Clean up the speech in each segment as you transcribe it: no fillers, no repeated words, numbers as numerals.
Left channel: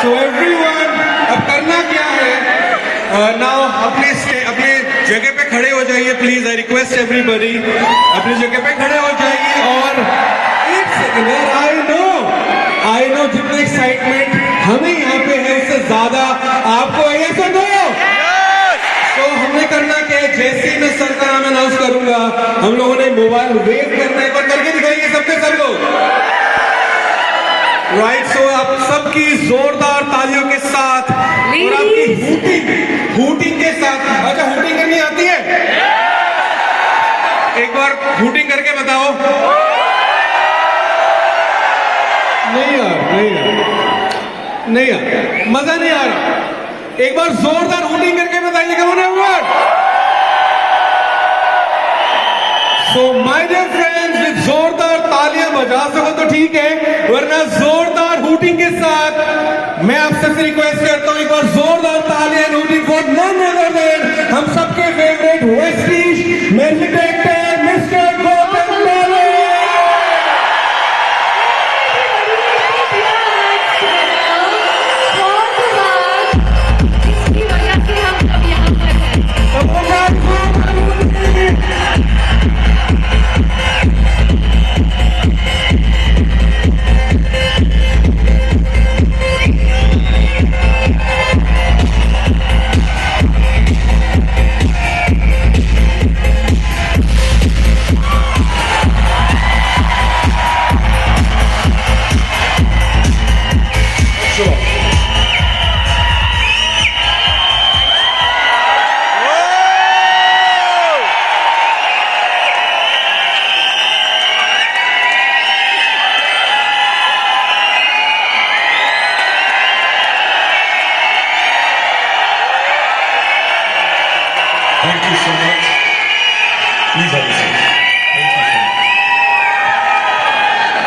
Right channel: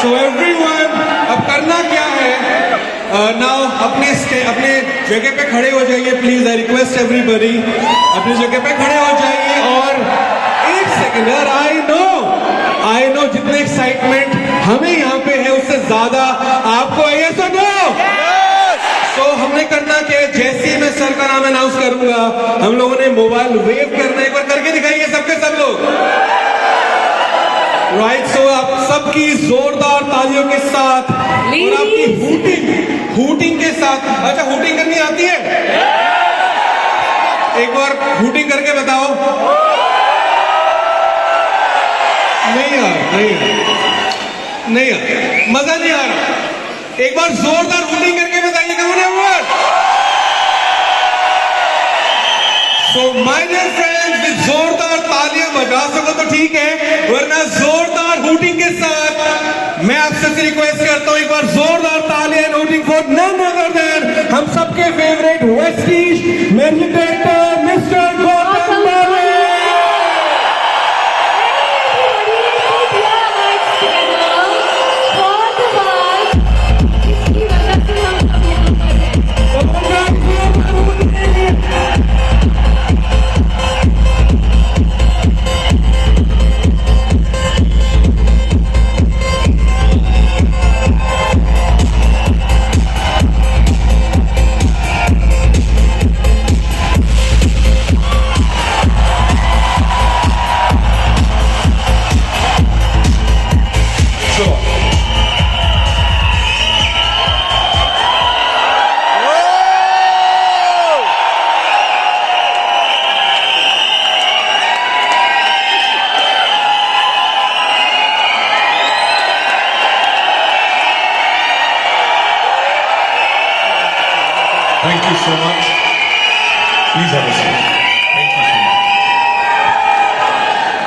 So everyone, अब करना क्या है? Now अपने जगह पे खड़े हो जाइए प्लीज. I request everybody, अपनी जगह पे खड़े हो जाइए और एक सेकंड यार. I know जितने एक्साइटमेंट हमें यहाँ पे है उससे ज्यादा आपको है. तो नो. तो हमने करना क्या है, जैसे ही मैं सर का नाम अनाउंस करूंगा हम लोगों ने मोबाइल वेव करना है. एक बार करके दिखाइए सबके सब लोग. राइट. सो आप सबकी जोरदार तालियों के साथ और आपकी हूटिंग के साथ. अच्छा, हूटिंग करनी आती है? एक बार हूटिंग करके बताओ. नहीं यार, मजा नहीं आ रहा. एक बार जोरदार हूटिंग करके बताइए. So my dear friends, जोरदार तालियां बजा सको तो ठीक है, वरना जोरदार हूटिंग के साथ मैं आपसे रिक्वेस्ट करता हूं एक बार जोरदार तालियां hooting for none other than हम सबके favourite Vestige main director mister Gautam Bali. Thank you so much. Please have a seat.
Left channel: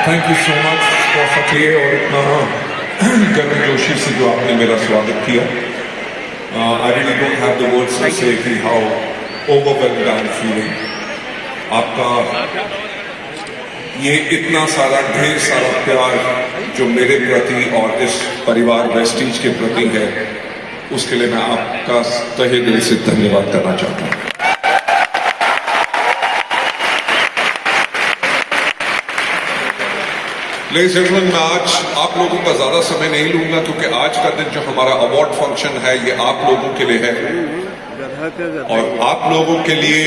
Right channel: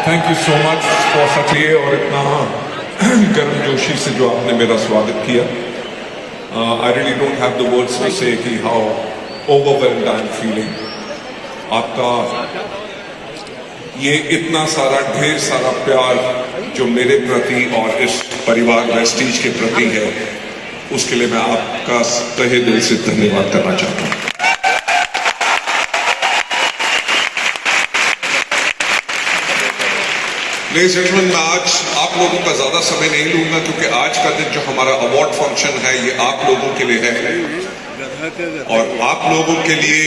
Thank you so much for such a और इतना गर्मजोशी से जो आपने मेरा स्वागत किया. I really don't have the words to say कि how overwhelmed I'm feeling. आपका ये इतना सारा ढेर सारा प्यार जो मेरे प्रति और इस परिवार वेस्टीज के प्रति है, उसके लिए मैं आपका तहे दिल से धन्यवाद करना चाहता हूं. लेडीज एंड जेंटलमैन, मैं आज आप लोगों का ज्यादा समय नहीं लूंगा क्योंकि आज का दिन जो हमारा अवार्ड फंक्शन है ये आप लोगों के लिए है और आप लोगों के लिए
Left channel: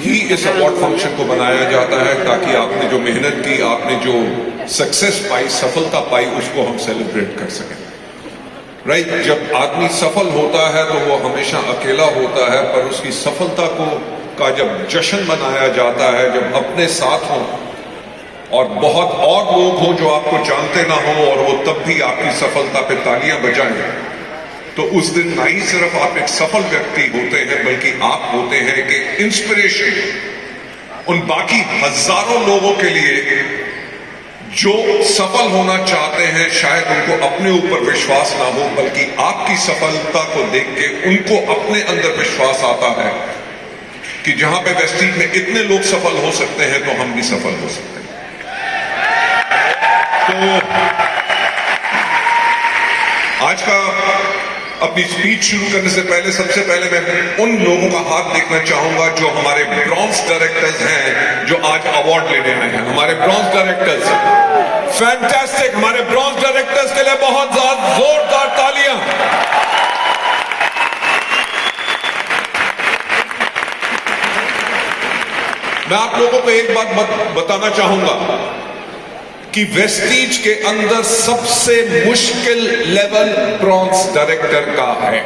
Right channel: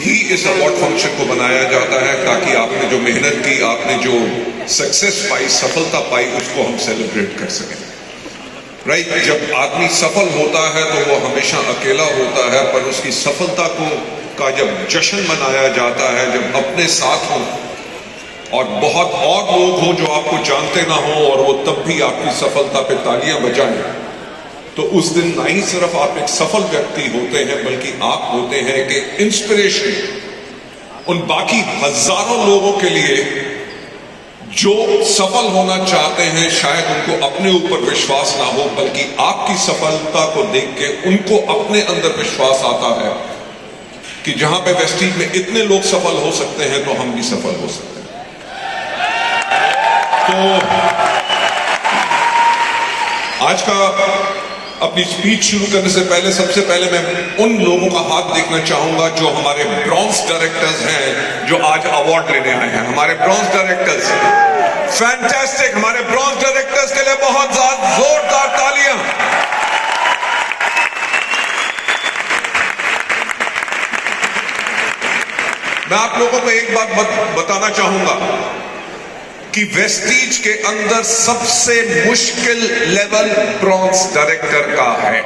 ही इस अवार्ड फंक्शन को बनाया जाता है ताकि आपने जो मेहनत की, आपने जो सक्सेस पाई, सफलता पाई, उसको हम सेलिब्रेट कर सकें. राइट. जब आदमी सफल होता है तो वो हमेशा अकेला होता है, पर उसकी सफलता का जब जश्न मनाया जाता है, जब अपने साथ हों और बहुत और लोग हों जो आपको जानते ना हो और वो तब भी आपकी सफलता पे तालियां बजाएं, तो उस दिन ना ही सिर्फ आप एक सफल व्यक्ति होते हैं बल्कि आप होते हैं एक इंस्पिरेशन उन बाकी हजारों लोगों के लिए जो सफल होना चाहते हैं. शायद उनको अपने ऊपर विश्वास ना हो बल्कि आपकी सफलता को देख के उनको अपने अंदर विश्वास आता है कि जहां पे वेस्टीज में इतने लोग सफल हो सकते हैं तो हम भी सफल हो सकते हैं. तो आज का अपनी स्पीच शुरू करने से पहले सबसे पहले मैं उन लोगों का हाथ देखना चाहूंगा जो हमारे ब्रॉन्ज डायरेक्टर्स हैं जो आज अवार्ड लेने आए हैं. हमारे ब्रॉन्ज डायरेक्टर्स, फैंटास्टिक. हमारे ब्रॉन्ज डायरेक्टर्स के लिए बहुत ज्यादा जोरदार तालियां. मैं आप लोगों को एक बात बताना चाहूंगा कि वेस्टीज के अंदर सबसे मुश्किल लेवल ब्रॉन्ज डायरेक्टर का है.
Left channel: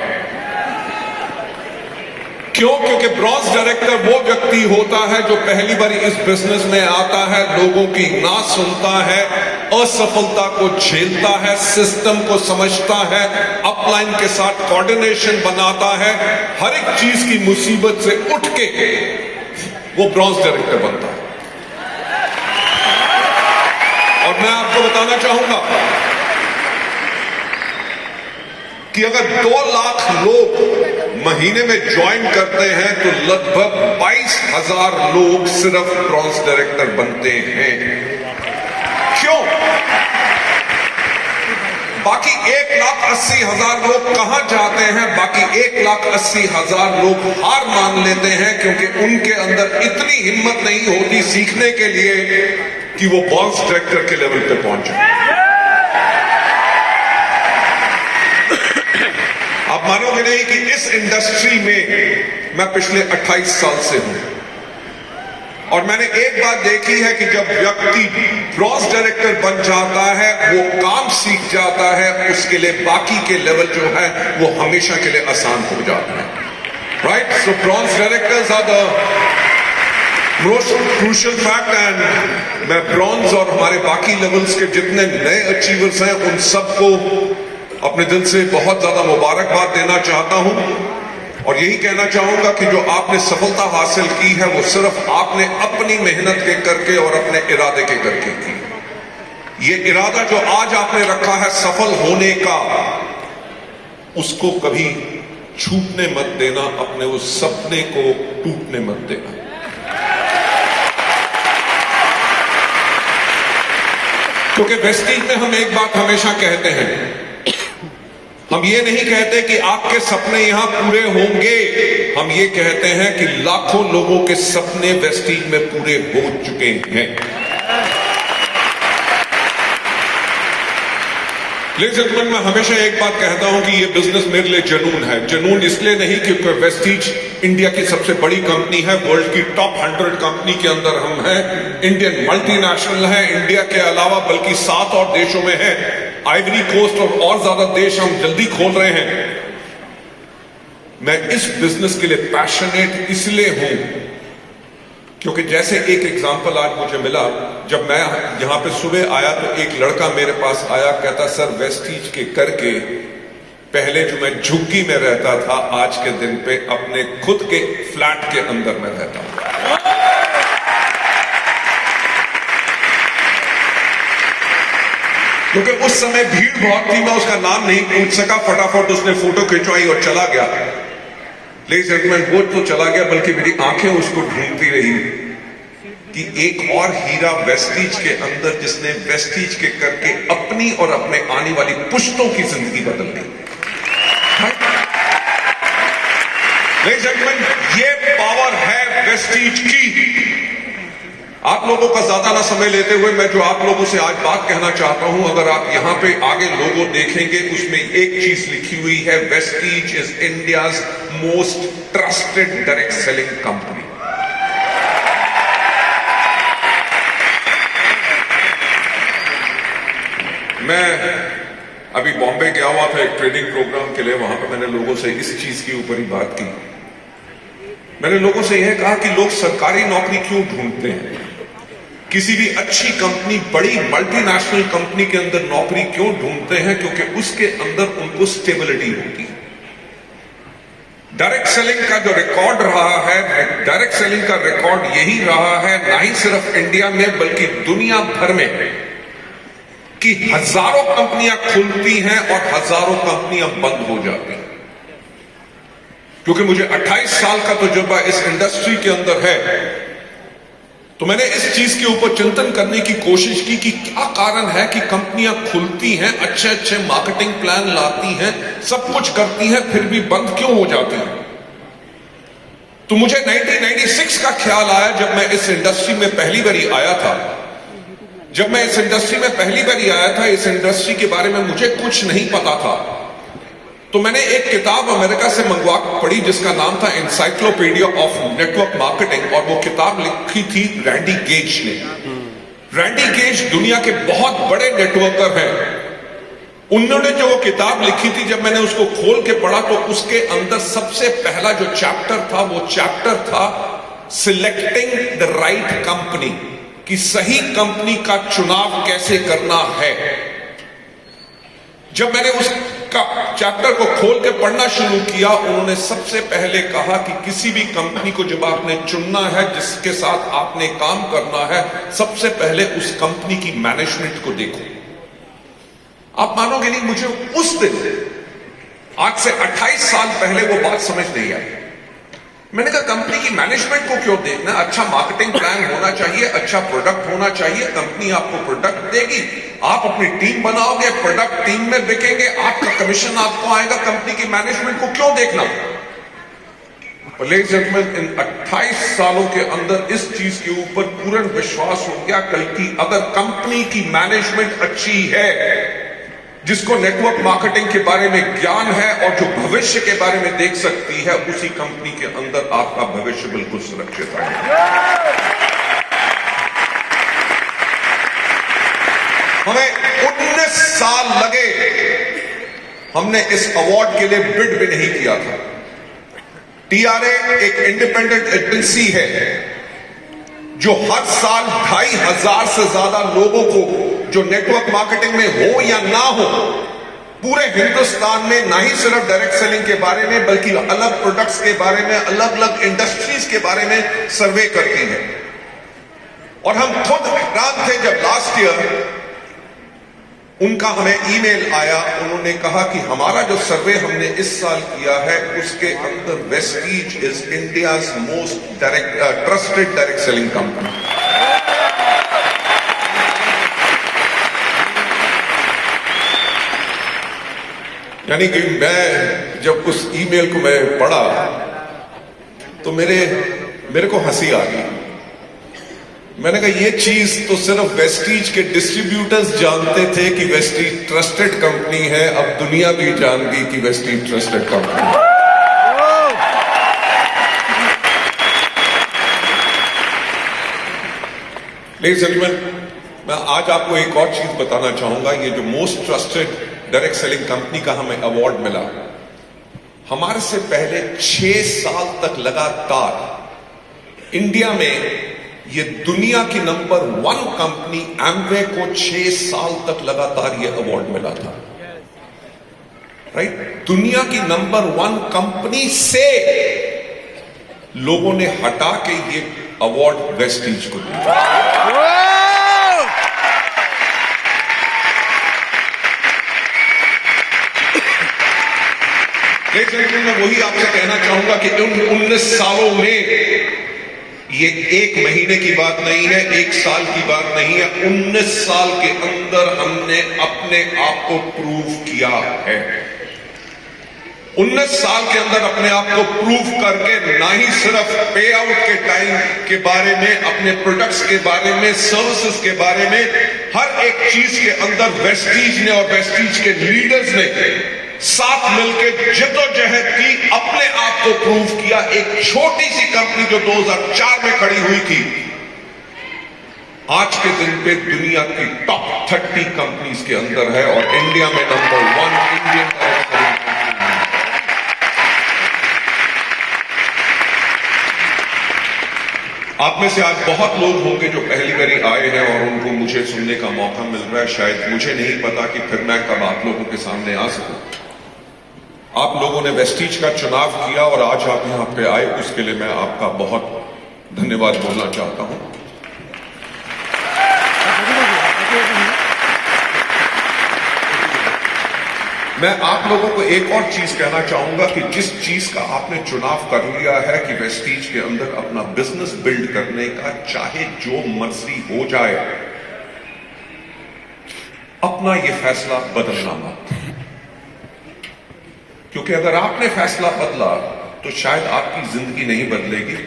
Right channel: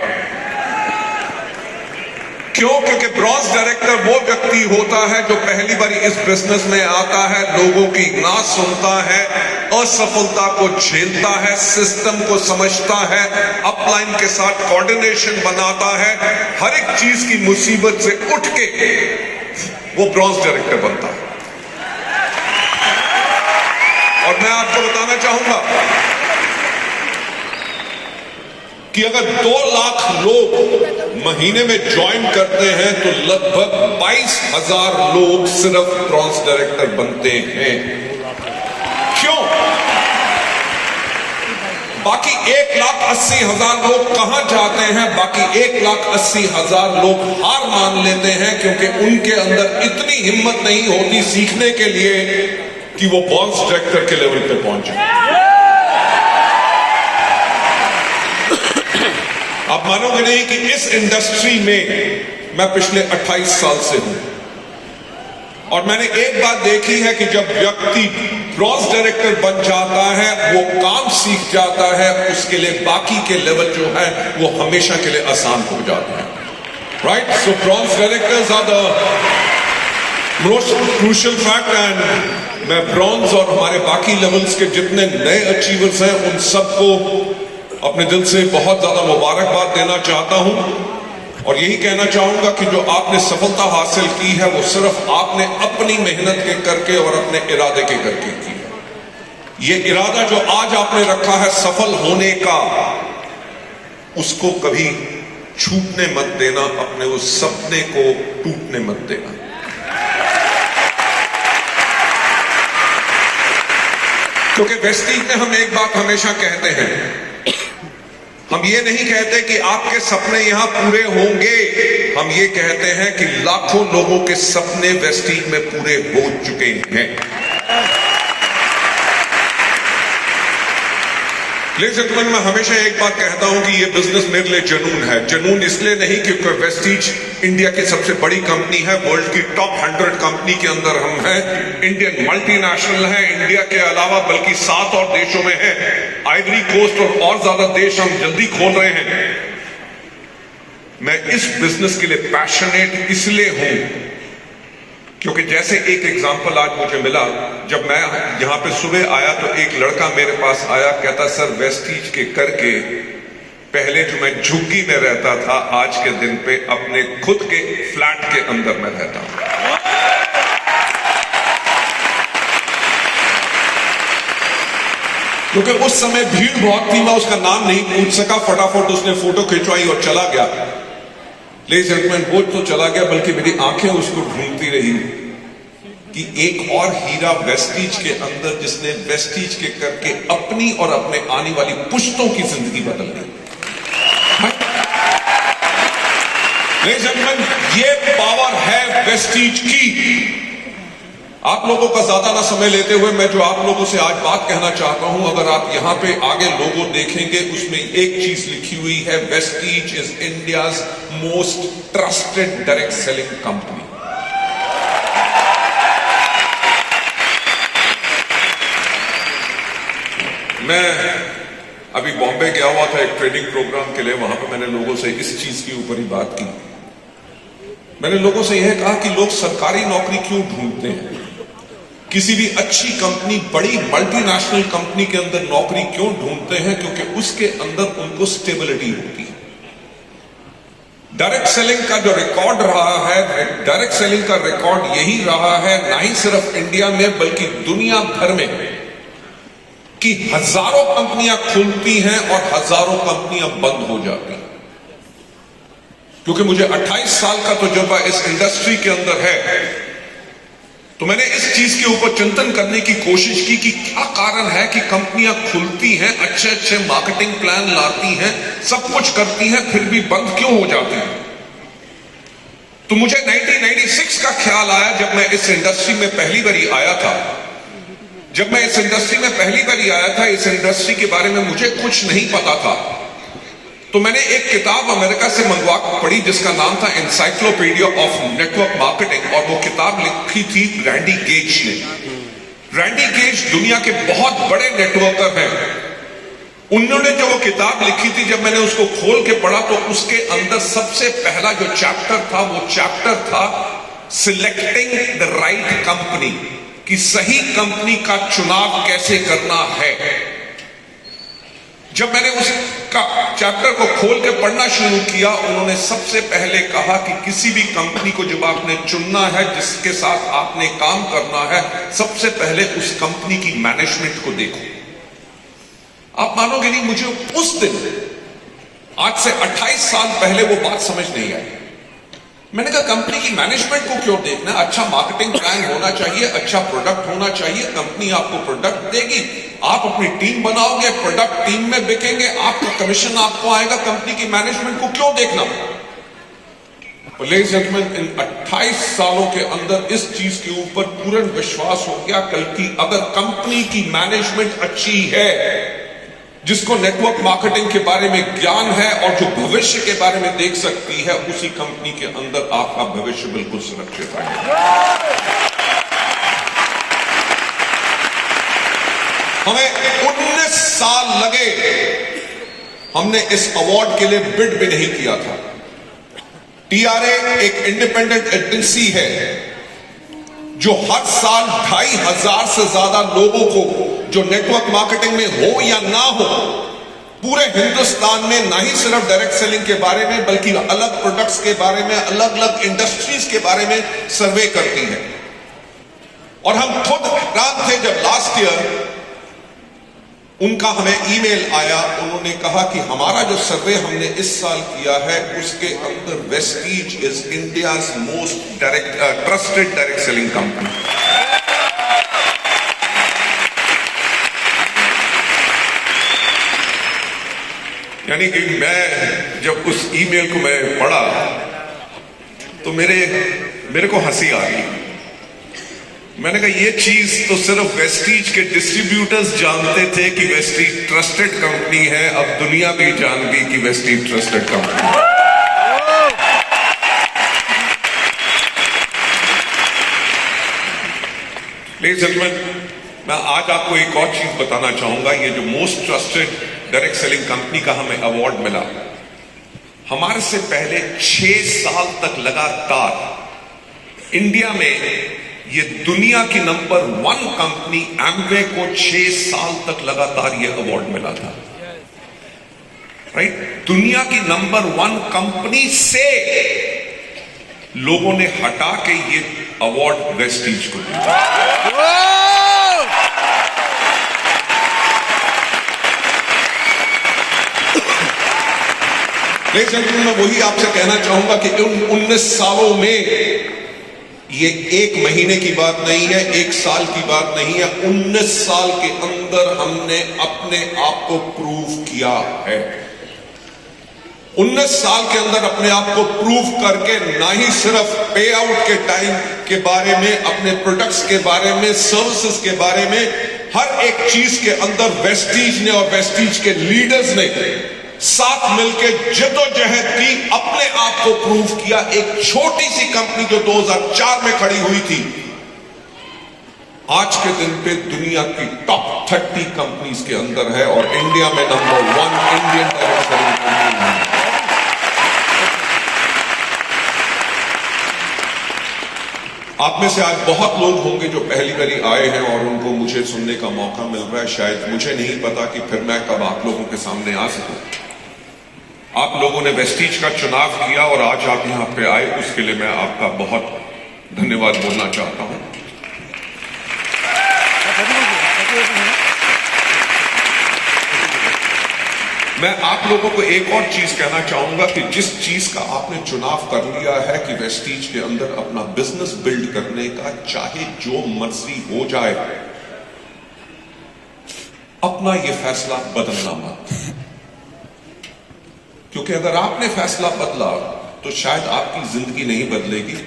क्यों? क्योंकि ब्रॉन्ज डायरेक्टर वो व्यक्ति होता है जो पहली बार इस बिजनेस में आता है, लोगों की ना सुनता है, असफलता को झेलता है, सिस्टम को समझता है, अपलाइन के साथ कोऑर्डिनेशन बनाता है, हर एक चीज की मुसीबत से उठ के वो ब्रॉन्ज डायरेक्टर बनता है. और मैं आपको बताना चाहूंगा कि अगर 2 लाख लोग महीने में ज्वाइन करते हैं तो लगभग 22,000 लोग सिर्फ ब्रॉन्ज डायरेक्टर बनते हैं. क्यों? बाकी 1,80,000 लोग कहां जाते हैं? बाकी 1,80,000 लोग हार मान लेते हैं क्योंकि उनके अंदर इतनी हिम्मत नहीं होती सीखने के लिए कि वो बॉक्स डायरेक्टर के लेवल पे पहुंचे। आप मानोगे नहीं कि इस इंडस्ट्री में मैं पिछले 28 साल से हूं और मैंने एक बात देखी है कि जब व्यक्ति ब्रॉन्ज डायरेक्टर बन जाता है, वो काम सीख जाता है, उसके लिए बाकी के लेवल जो है वो हमेशा के लिए आसान हो जाता है। Right? So bronze directors are the most crucial fact and मैं ब्रॉन्ज और हमारे बाकी लेवल्स के जितने नए अचीवर्स हैं उन सबको अपने दिल से बहुत ज्यादा मुबारकबाद देना चाहता हूं और यही कहना चाहूंगा कि जो आपने सफलता हासिल की है वो सिर्फ आपने अपनी मेहनत के करके और अपने इरादे के करके की। ये इरादा जो आज आपने रखा है सफल होने का, उसको कभी छूटने मत देना, अपने उस सपने को टूटने मत देना। क्योंकि वेस्टीज में हम एक बात हमेशा कहते हैं, हम ये नहीं कहते कि आपके सपने यहां पूरे होंगे, हम ये कहते हैं कि लाखों लोगों के सपने वेस्टीज में पूरे हो चुके हैं। लेकिन मैं हमेशा एक बात कहता हूं कि ये बिजनेस मेरे लिए जुनून है। जुनून इसलिए नहीं क्योंकि वेस्टीज इंडिया की सबसे बड़ी कंपनी है, वर्ल्ड की टॉप 100 कंपनी के अंदर हम हैं, इंडियन मल्टीनेशनल है, इंडिया के अलावा बल्कि 7 और देशों में है, आइवरी कोस्ट और ज्यादा देश हम जल्दी खोल रहे हैं। मैं इस बिजनेस के लिए पैशनेट इसलिए हूं क्योंकि जैसे एक एग्जांपल आज मुझे मिला, जब मैं यहां पे सुबह आया तो एक लड़का मेरे पास आया, कहता सर वेस्टीज के करके पहले जो मैं झुग्गी में रहता था, आज के दिन पे अपने खुद के फ्लैट के अंदर में रहता हूं। क्योंकि उस समय भीड़ बहुत थी, मैं उसका नाम नहीं पूछ सका, फटाफट उसने फोटो खिंचवाई और चला गया। लेकिन सेगमेंट वो तो चला गया, बल्कि मेरी आंखें उसको ढूंढती रही कि एक और हीरा वेस्टीज के अंदर जिसने वेस्टीज के करके अपनी और अपने आने वाली पुश्तों की जिंदगी बदल दी। ये पावर है वेस्टीज की। आप लोगों का ज्यादा ना समय लेते हुए मैं जो आप लोगों से आज बात कहना चाहता हूं, अगर आप यहां पे आगे लोगो देखेंगे उसमें एक चीज लिखी हुई है, Vestige is India's most trusted direct selling company. मैं अभी बॉम्बे गया हुआ था एक ट्रेनिंग प्रोग्राम के लिए, वहां पर मैंने लोगों से इस चीज के ऊपर ही बात की। मैंने लोगों से यह कहा कि लोग सरकारी नौकरी क्यों ढूंढते हैं, किसी भी अच्छी कंपनी, बड़ी मल्टीनेशनल कंपनी के अंदर नौकरी क्यों ढूंढते हैं? क्योंकि उसके अंदर उनको स्टेबिलिटी होती है। डायरेक्ट सेलिंग का जो रिकॉर्ड रहा है, डायरेक्ट सेलिंग का रिकॉर्ड यही रहा है, ना ही सिर्फ इंडिया में बल्कि दुनिया भर में, कि हजारों कंपनियां खुलती हैं और हजारों कंपनियां बंद हो जाती हैं। क्योंकि मुझे 28 साल का तजुर्बा इस इंडस्ट्री के अंदर है, तो मैंने इस चीज के ऊपर चिंतन करने की कोशिश की कि क्या कारण है कि कंपनियां खुलती हैं, अच्छे अच्छे मार्केटिंग प्लान लाती हैं, सब कुछ करती हैं, फिर भी बंद क्यों हो जाती हैं। तो मुझे 1996 का ख्याल आया, जब मैं इस इंडस्ट्री में पहली बारी आया था। जब मैं इस इंडस्ट्री में पहली बारी आया था, इस इंडस्ट्री के बारे में मुझे कुछ नहीं पता था। तो मैंने एक किताब अमेरिका से मंगवा पढ़ी जिसका नाम था एनसाइक्लोपीडिया ऑफ नेटवर्क मार्केटिंग, और वो किताब लिखी थी रैंडी गेज ने। रैंडी गेज दुनिया के बहुत बड़े नेटवर्कर हैं। उन्होंने जो वो किताब लिखी थी, जब मैंने उसको खोल के पढ़ा तो उसके अंदर सबसे पहला जो चैप्टर था, वो चैप्टर था सिलेक्टिंग द राइट कंपनी, कि सही कंपनी का चुनाव कैसे करना है। जब मैंने उसका चैप्टर को खोल के पढ़ना शुरू किया, उन्होंने सबसे पहले कहा कि किसी भी कंपनी को जब आपने चुनना है, जिसके साथ आपने काम करना है, सबसे पहले उस कंपनी की मैनेजमेंट को देखो। आप मानोगे नहीं, मुझे उस दिन आज से 28 साल पहले वो बात समझ नहीं आई। मैंने कहा कंपनी की मैनेजमेंट को क्यों देखना, अच्छा मार्केटिंग प्लान होना चाहिए, अच्छा प्रोडक्ट होना चाहिए, कंपनी आपको प्रोडक्ट देगी, आप अपनी टीम बनाओगे, प्रोडक्ट टीम में बिकेंगे, आपका कमीशन आपको आएगा, कंपनी की मैनेजमेंट को क्यों देखना। लेडीज एंड जेंटलमैन, इन 28 सालों के अंदर इस चीज के ऊपर पूर्ण विश्वास हो गया कल की अगर कंपनी की मैनेजमेंट अच्छी है, जिसको नेटवर्क मार्केटिंग के बारे में ज्ञान है और जो भविष्य के बारे में देख सकती है, उसी कंपनी के अंदर आपका भविष्य बिल्कुल सुरक्षित है। हमें 19 साल लगे, हमने इस अवार्ड के लिए बिड भी नहीं किया था। टीआरए एक इंडिपेंडेंट एजेंसी है जो हर साल 2500 से ज्यादा लोगों को, जो नेटवर्क मार्केटिंग में हो या ना हो, पूरे हिंदुस्तान में ना ही सिर्फ डायरेक्ट सेलिंग के बारे में बल्कि अलग प्रोडक्ट्स के बारे में, अलग अलग इंडस्ट्रीज के बारे में सर्वे करती है। और हम खुद हैरान थे जब लास्ट ईयर उनका हमें ईमेल आया, उन्होंने कहा कि हमारा जो सर्वे हमने इस साल किया है उसके अंदर Vestige is India's most trusted direct selling company. यानी कि मैं जब उस ईमेल को मैं पढ़ा तो मेरे को हंसी आ गई। मैंने कहा ये चीज तो सिर्फ वेस्टीज के डिस्ट्रीब्यूटर्स जानते थे कि वेस्टीज ट्रस्टेड कंपनी है, अब दुनिया भी जान गई कि वेस्टीज ट्रस्टेड कंपनी है। लेडीज एंड जेंटलमैन, मैं आज आपको एक और चीज बताना चाहूंगा। ये जो most trusted direct selling company का हमें अवार्ड मिला, हमारे से पहले 6 साल तक लगातार इंडिया में ये दुनिया की नंबर 1 कंपनी एमवे को 6 साल तक लगातार ये अवार्ड मिला था। राइट, दुनिया की नंबर 1 कंपनी से लोगों ने हटा के ये अवार्ड वेस्टीज को दिया। मैं वही आपसे कहना चाहूंगा कि उन 19 सालों में ये 1 महीने की बात नहीं है, 1 साल की बात नहीं है, 19 साल के अंदर हमने अपने आप को प्रूव किया है। 19 साल के अंदर अपने आप को प्रूव करके ना ही सिर्फ पे आउट के टाइम के बारे में, अपने प्रोडक्ट्स के बारे में, सर्विसेज के बारे में, हर एक चीज के अंदर वेस्टीज ने और वेस्टीज के लीडर्स ने साथ मिलकर जद्दोजहद की, अपने आप को प्रूव किया। एक छोटी सी कंपनी जो 2004 में खड़ी हुई थी, आज के दिन पे दुनिया की टॉप 30 कंपनीज के अंदर है और इंडिया में number 1 Indian direct selling company है। आप में से आज बहुत लोग होंगे जो पहली बारी आए हैं और उनको मुझे सुनने का मौका मिल रहा है। शायद मुझे नहीं पता कि फिर मैं कब आप लोगों के सामने आ सकूं। आप लोगों ने वेस्टीज का चुनाव किया और आज आप यहां पे आए, उसके लिए मैं आपका बहुत धन्यवाद बोलना चाहता हूं। मैं आप लोगों को एक और चीज कहना चाहूंगा कि जिस चीज का आपने चुनाव कर लिया है कि वेस्टीज के अंदर अपना बिजनेस बिल्ड करने का, चाहे जो मर्जी हो जाए, अपना ये फैसला बदलना मत। क्योंकि अगर आपने फैसला बदला तो शायद आपकी जिंदगी नहीं बदलेगी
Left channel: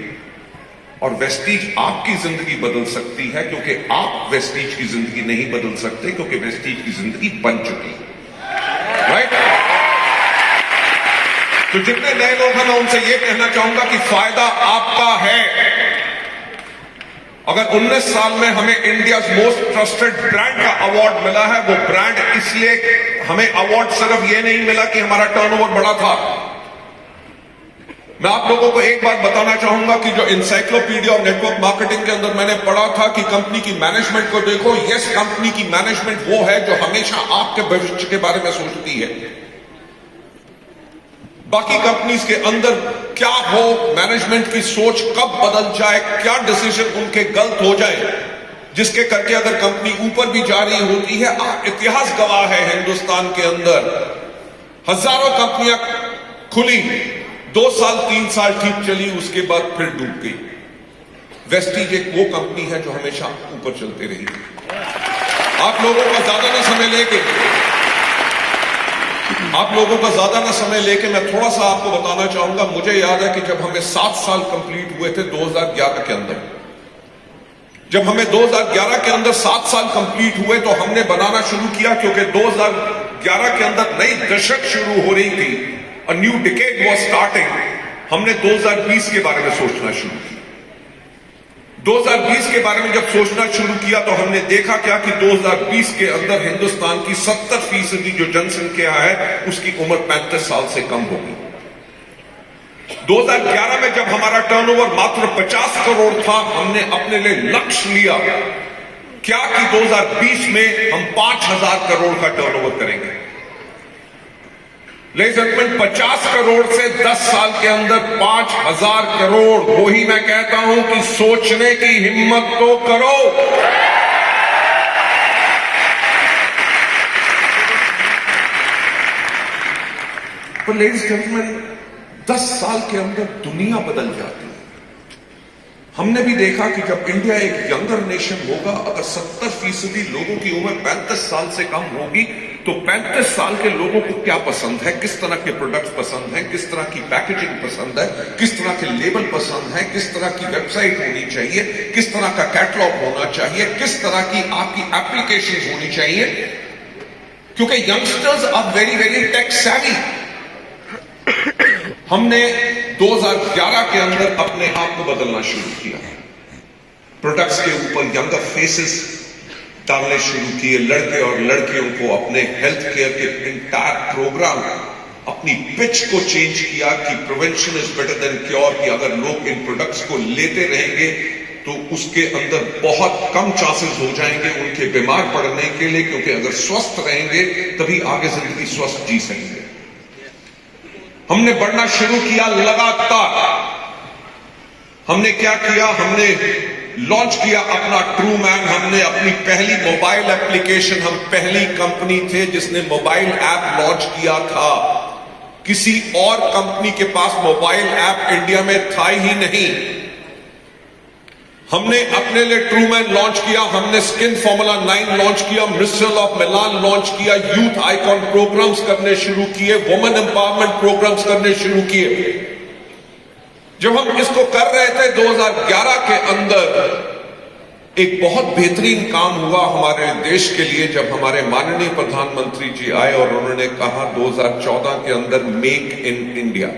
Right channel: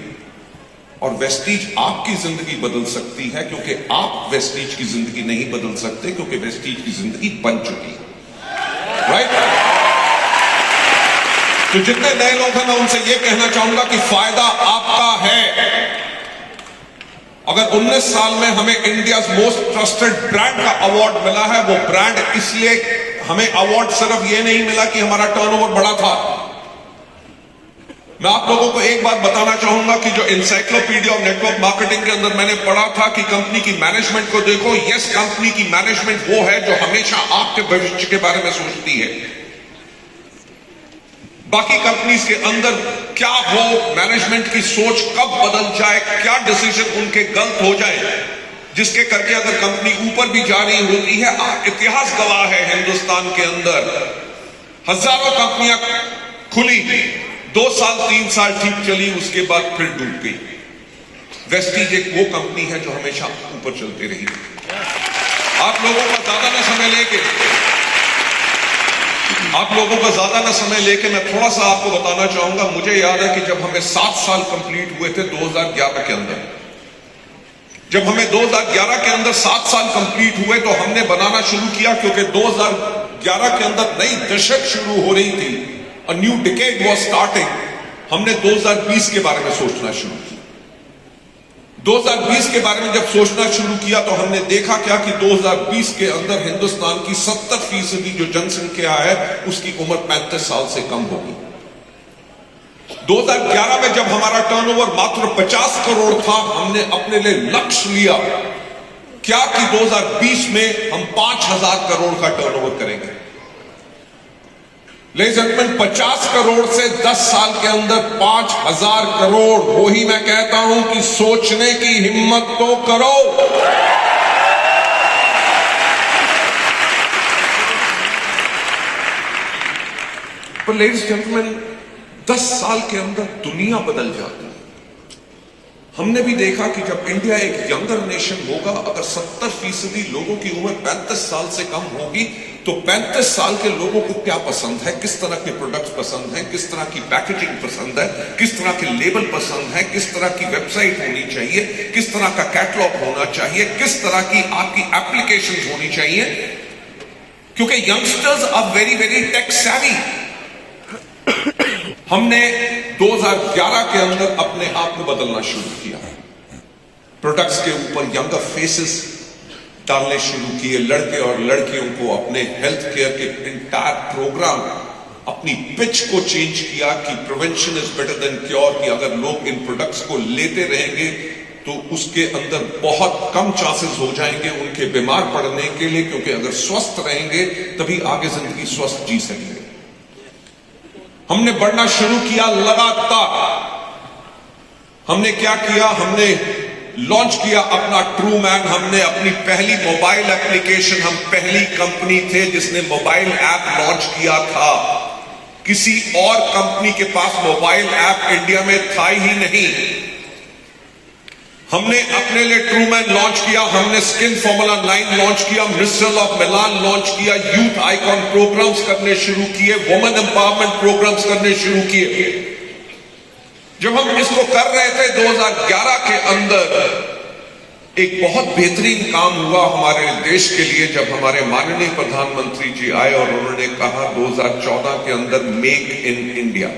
और वेस्टीज आपकी जिंदगी बदल सकती है, क्योंकि आप वेस्टीज की जिंदगी नहीं बदल सकते, क्योंकि वेस्टीज की जिंदगी बन चुकी है। राइट? तो जितने नए लोग हैं मैं उनसे यह कहना चाहूंगा कि फायदा आपका है। अगर 19 साल में हमें इंडिया मोस्ट ट्रस्टेड ब्रांड का अवार्ड मिला है, वो ब्रांड इसलिए हमें अवार्ड सिर्फ ये नहीं मिला कि हमारा टर्नओवर बड़ा था। मैं आप लोगों को एक बात बताना चाहूंगा कि जो इंसाइक्लोपीडिया और नेटवर्क मार्केटिंग के अंदर मैंने पढ़ा था कि कंपनी की मैनेजमेंट को देखो, यस, कंपनी की मैनेजमेंट वो है जो हमेशा आपके भविष्य के बारे में सोचती है। बाकी कंपनीज के अंदर क्या हो, मैनेजमेंट की सोच कब बदल जाए, क्या डिसीजन उनके गलत हो जाए, जिसके करके अगर कंपनी ऊपर भी जा रही होती है। इतिहास गवाह है, हिंदुस्तान के अंदर हजारों कंपनियां खुली 2 साल 3 साल ठीक चली, उसके बाद फिर डूब गई। वेस्टीज एक वो कंपनी है जो हमेशा ऊपर चलती रही। आप लोगों का ज्यादा ना समय लेके मैं थोड़ा सा आपको बताना चाहूंगा। मुझे याद है कि जब हमें 7 साल कंप्लीट हुए थे 2011 के अंदर, जब हमें 2011 के अंदर 7 साल कंप्लीट हुए तो हमने बनाना शुरू किया, क्योंकि 2011 के अंदर नई दशक शुरू हो रही थी, a new decade was starting. हमने 2020 के बारे में सोचना शुरू किया। 2020 के बारे में जब सोचना शुरू किया तो हमने देखा क्या कि 2020 के अंदर हिंदुस्तान की 70% जो जनसंख्या है उसकी उम्र 35 साल से कम होगी। 2011 में जब हमारा टर्नओवर मात्र 50 करोड़ था, हमने अपने लिए लक्ष्य लिया क्या कि 2020 में हम 5,000 करोड़ का टर्नओवर करेंगे। लेकिन 50 करोड़ से 10 साल के अंदर 5,000 करोड़, वही मैं कहता हूं कि सोचने की हिम्मत तो करो। तो लेडीज जेंटलमैन, 10 साल के अंदर दुनिया बदल जाती है। हमने भी देखा कि जब इंडिया एक यंगर नेशन होगा, अगर 70% लोगों की उम्र 35 साल से कम होगी, तो 35 साल के लोगों को क्या पसंद है, किस तरह के प्रोडक्ट्स पसंद है, किस तरह की पैकेजिंग पसंद है, किस तरह के लेबल पसंद है, किस तरह की वेबसाइट होनी चाहिए, किस तरह का कैटलॉग होना चाहिए, किस तरह की आपकी एप्लीकेशन होनी चाहिए, क्योंकि youngsters are very very tech savvy. हमने 2011 के अंदर अपने आप को बदलना शुरू किया। प्रोडक्ट्स के ऊपर यंगर फेसेस डालने शुरू किए। लड़के और लड़कियों को अपने हेल्थ केयर के इंटायर प्रोग्राम, अपनी पिच को चेंज किया कि prevention is better than cure, कि अगर लोग इन प्रोडक्ट्स को लेते रहेंगे तो उसके अंदर बहुत कम चांसेस हो जाएंगे उनके बीमार पड़ने के लिए, क्योंकि अगर स्वस्थ रहेंगे तभी आगे जिंदगी स्वस्थ जी सकेंगे। हमने बढ़ना शुरू किया लगातार। हमने क्या किया, हमने लॉन्च किया अपना ट्रू मैन। हमने अपनी पहली मोबाइल एप्लीकेशन, हम पहली कंपनी थे जिसने मोबाइल ऐप लॉन्च किया था। किसी और कंपनी के पास मोबाइल ऐप इंडिया में था ही नहीं। हमने अपने लिए ट्रू मैन लॉन्च किया, हमने स्किन फॉर्मूला 9 लॉन्च किया, मिस्ट्रल ऑफ मिलान लॉन्च किया, यूथ आइकॉन प्रोग्राम्स करने शुरू किए, वुमेन एम्पावरमेंट प्रोग्राम्स करने शुरू किए। जब हम इसको कर रहे थे 2011 के अंदर एक बहुत बेहतरीन काम हुआ हमारे देश के लिए, जब हमारे माननीय प्रधानमंत्री जी आए और उन्होंने कहा 2014 के अंदर मेक इन इंडिया।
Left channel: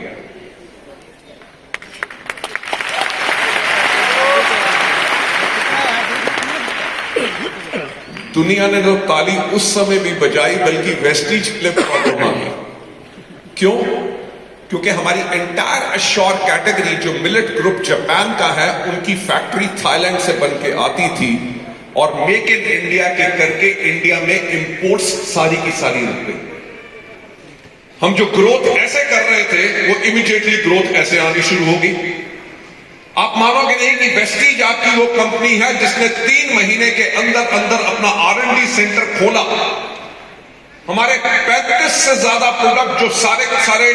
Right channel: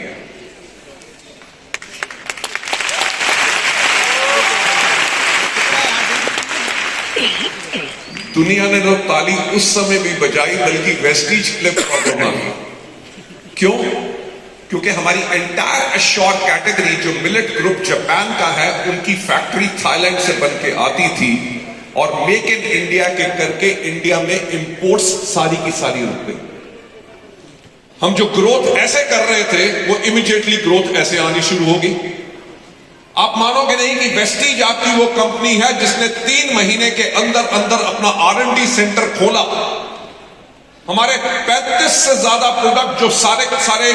दुनिया ने तो ताली उस समय भी बजाई, बल्कि वेस्टीज क्लब को मांगी। क्यों? क्योंकि हमारी एंटायर एश्योर कैटेगरी जो मिलेट ग्रुप जापान का है, उनकी फैक्ट्री थाईलैंड से बन के आती थी और मेक इन इंडिया के करके इंडिया में इंपोर्ट्स सारी की सारी रुक गई। हम जो ग्रोथ ऐसे कर रहे थे वो इमीडिएटली ग्रोथ ऐसे आनी शुरू होगी। आप मानोगे नहीं कि वेस्टीज आपकी वो कंपनी है जिसने 3 महीने के अंदर अंदर अपना R&D सेंटर खोला। हमारे 35 से ज्यादा प्रोडक्ट जो सारे के सारे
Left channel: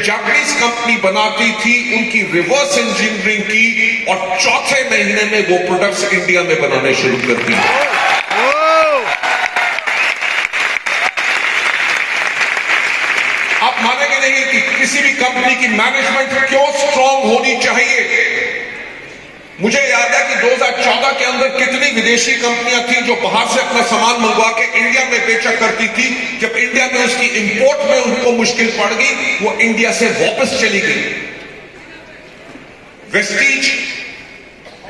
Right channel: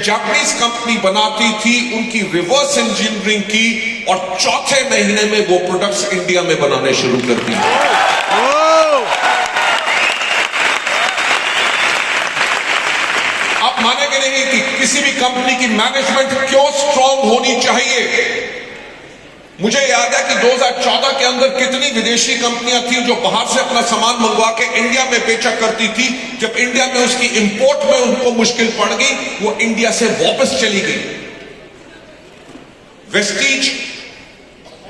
जापानीज कंपनी बनाती थी, उनकी रिवर्स इंजीनियरिंग की और 4थे महीने में वो प्रोडक्ट्स इंडिया में बनाने शुरू कर दी। आप मानेंगे नहीं कि किसी भी कंपनी की मैनेजमेंट क्यों स्ट्रांग होनी चाहिए। मुझे याद है कि 2014 के अंदर कितनी विदेशी कंपनियां थी जो बाहर से अपना सामान मंगवा के इंडिया में बेचा करती थी। जब इंडिया में उसकी इंपोर्ट में उनको मुश्किल पड़ गई, वो इंडिया से वापस चली गई। वेस्टीज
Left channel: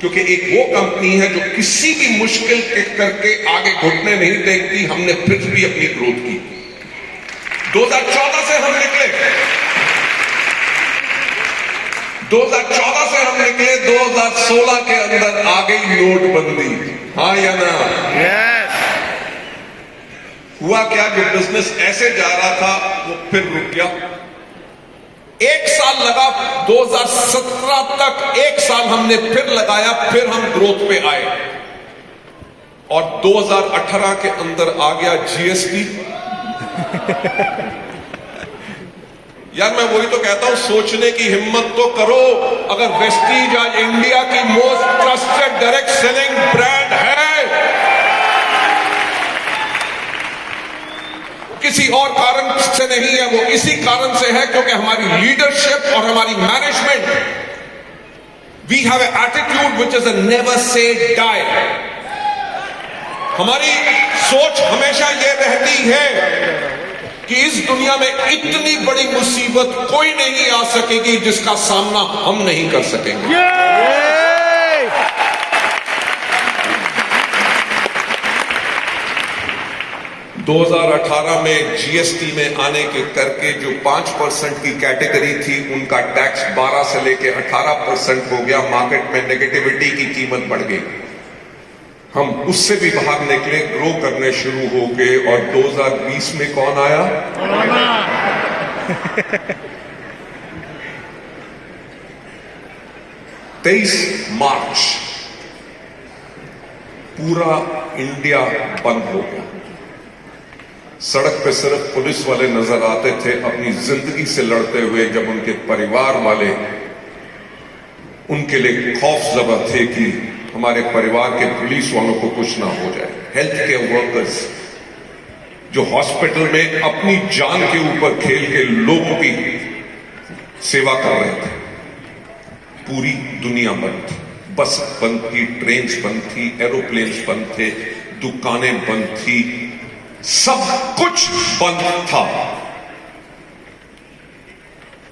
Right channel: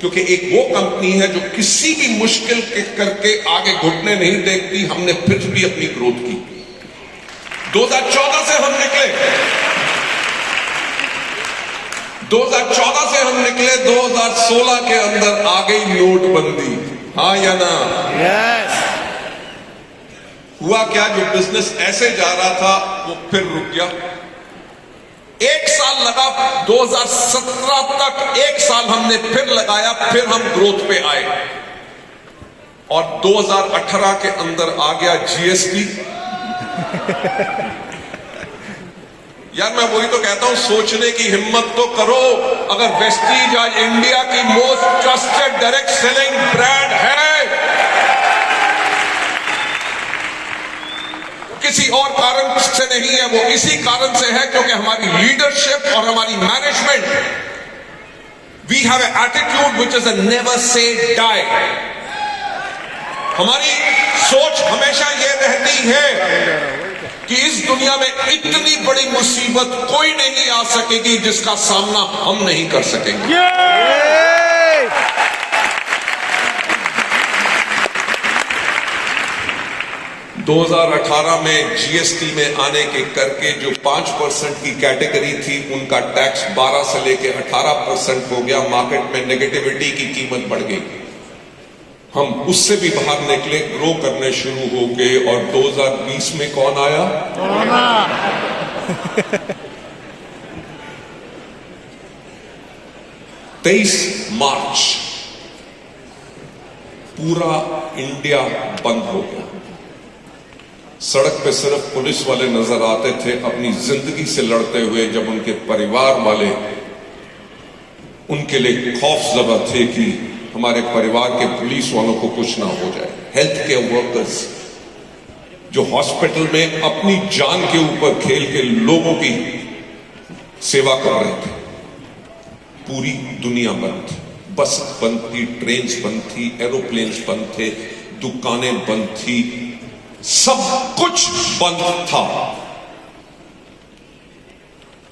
क्योंकि एक वो कंपनी है जो किसी भी मुश्किल के करके आगे घुटने नहीं देखती, हमने फिर भी अपनी ग्रोथ की। 2014 से हम निकले 2016 के अंदर आ गई नोटबंदी। हाँ या ना? यस। हुआ क्या, जो बिजनेस ऐसे जा रहा था वो फिर रुक गया। 1 साल लगा, 2017 तक 1 साल हमने फिर लगाया, फिर हम ग्रोथ पे आए और 2018 के अंदर आ गया GST। यार मैं वही तो कहता हूं, सोचने की हिम्मत तो करो। अगर वेस्टीज आज इंडिया की most trusted direct selling brand है, किसी और कारण से नहीं है, वो इसी कारण से है क्योंकि हमारी लीडरशिप और हमारी management, we have an attitude which is a never say die. हमारी सोच हमेशा ये रहती है कि इस दुनिया में इतनी बड़ी मुसीबत कोई नहीं आ सकेगी जिसका सामना हम नहीं कर सकेंगे। 2018 में जीएसटी में आने के करके जो 5% की कैटेगरी थी, उनका टैक्स 12 से लेके 18% हो गया। मार्केट में नेगेटिविटी की कीमत बढ़ गई। हम उससे भी बाहर निकले, ग्रो करने शुरू हो गए। और 2020 में कौन आया? 23 मार्च पूरा इंडिया बंद हो गया। सड़क पे सिर्फ पुलिस वाले नजर आते थे अपनी जिंदगी से लड़ते हुए, जब उनके परिवार वाले उनके लिए खौफजदा थे कि हमारे परिवार के पुलिस वालों को कुछ ना हो जाए। हेल्थ केयर वर्कर्स जो हॉस्पिटल में अपनी जान के ऊपर खेल के लोगों की सेवा कर रहे थे, पूरी दुनिया बंद थी। बस बंद थी, ट्रेन बंद थी, एरोप्लेन्स बंद थे, दुकानें बंद थी, सब कुछ बंद था।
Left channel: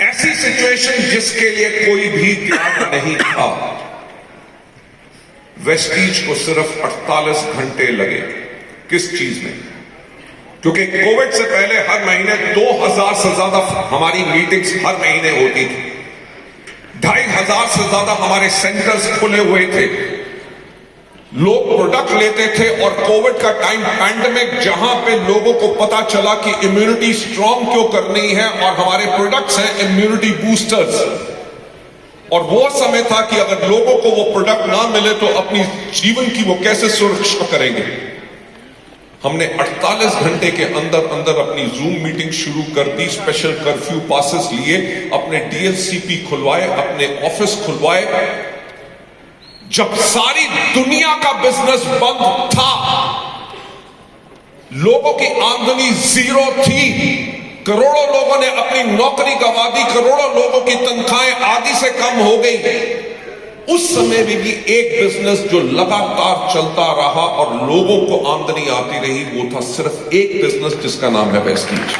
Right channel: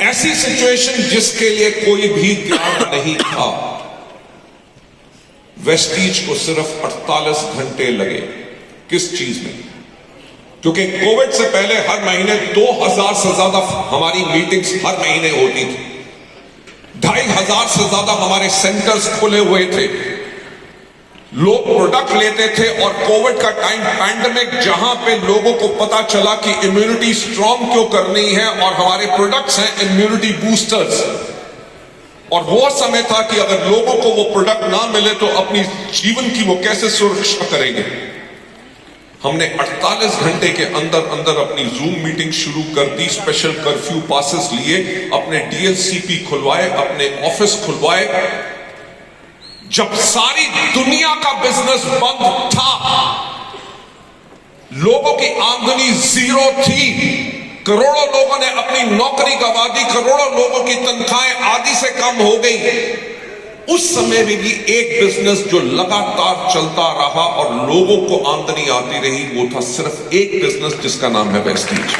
ऐसी सिचुएशन जिसके लिए कोई भी तैयार नहीं था। वेस्टीज को सिर्फ 48 घंटे लगे। किस चीज में? क्योंकि कोविड से पहले हर महीने 2000 से ज्यादा हमारी मीटिंग्स हर महीने होती थी। 2500 से ज्यादा हमारे सेंटर्स खुले हुए थे। लोग प्रोडक्ट लेते थे। और कोविड का टाइम, पैंडेमिक, जहां पे लोगों को पता चला कि इम्यूनिटी स्ट्रांग क्यों करनी है और हमारे प्रोडक्ट्स हैं इम्यूनिटी बूस्टर्स। और वो समय था कि अगर लोगों को वो प्रोडक्ट ना मिले तो अपनी जीवन की वो कैसे सुरक्षा करेंगे। हमने 48 घंटे के अंदर अंदर अपनी जूम मीटिंग शुरू कर दी। स्पेशल कर्फ्यू पासेस लिए, अपने डीएलसीपी खुलवाए, अपने ऑफिस खुलवाए। जब सारी दुनिया का बिजनेस बंद था, लोगों की आमदनी जीरो थी, करोड़ों लोगों ने अपनी नौकरी गंवा दी, करोड़ों लोगों की तनख्वाहें आधी से कम हो गई। उस समय में भी एक बिजनेस जो लगातार चलता रहा और लोगों को आमदनी आती रही, वो था सिर्फ एक बिजनेस जिसका नाम है वेस्टीज।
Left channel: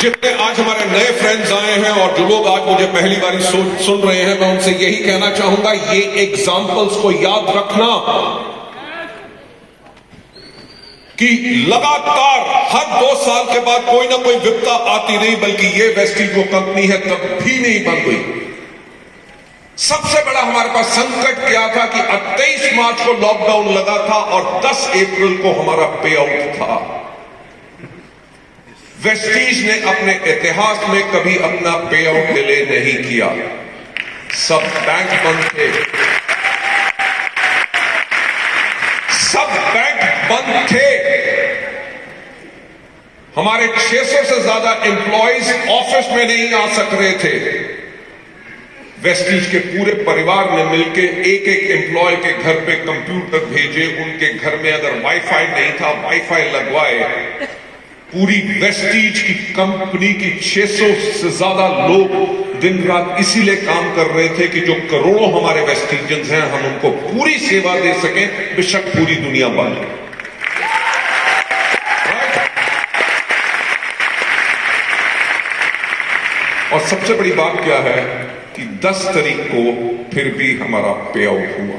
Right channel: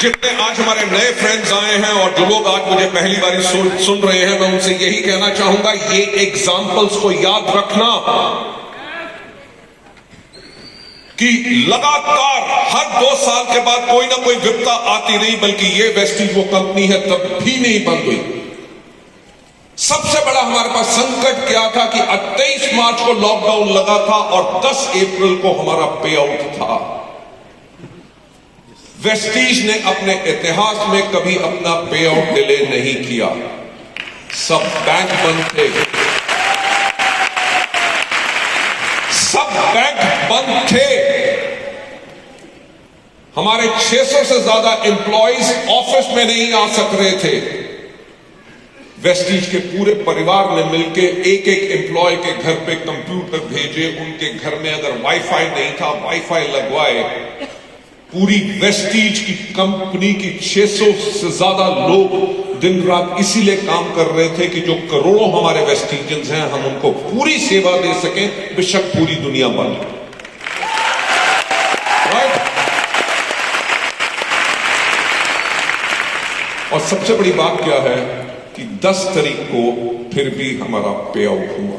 जितने आज हमारे नए फ्रेंड्स आए हैं और जो लोग आज मुझे पहली बार सुन रहे हैं, मैं उनसे यही कहना चाहूंगा, ये एग्जाम्पल्स को याद रखना कि लगातार हर 2 साल के बाद कोई ना कोई विपदा आती रही, बल्कि ये वेस्टीज जो कंपनी है कभी नहीं बंद हुई। सबसे बड़ा हमारे पास संकट क्या था कि 23 मार्च को लॉकडाउन लगा था और 10 अप्रैल को हमारा पे आउट था। वेस्टीज ने अपने इतिहास में कभी अपना पे आउट डिले नहीं किया। सब बैंक बंद थे, सब बैंक बंद थे। हमारे 600 से ज्यादा एम्प्लॉइज ऑफिस में नहीं आ सक रहे थे। वेस्टीज के पूरे परिवार ने मिलकर एक एक एम्प्लॉय के घर पे कंप्यूटर भेजे, उनके घर में अगर वाईफाई नहीं था वाईफाई लगवाए। पूरी वेस्टीज की कंपनी की 600 से ज्यादा लोग दिन रात इसीलिए काम कर रहे थे कि जो करोड़ों हमारे वेस्टीजियंस हैं, हम उनको पूरी सेवा दे सकें, बेशक पूरी दुनिया बंद। और सबसे बड़ी बात क्या है कि 10 तारीख को फिर भी हमारा पे आउट हुआ।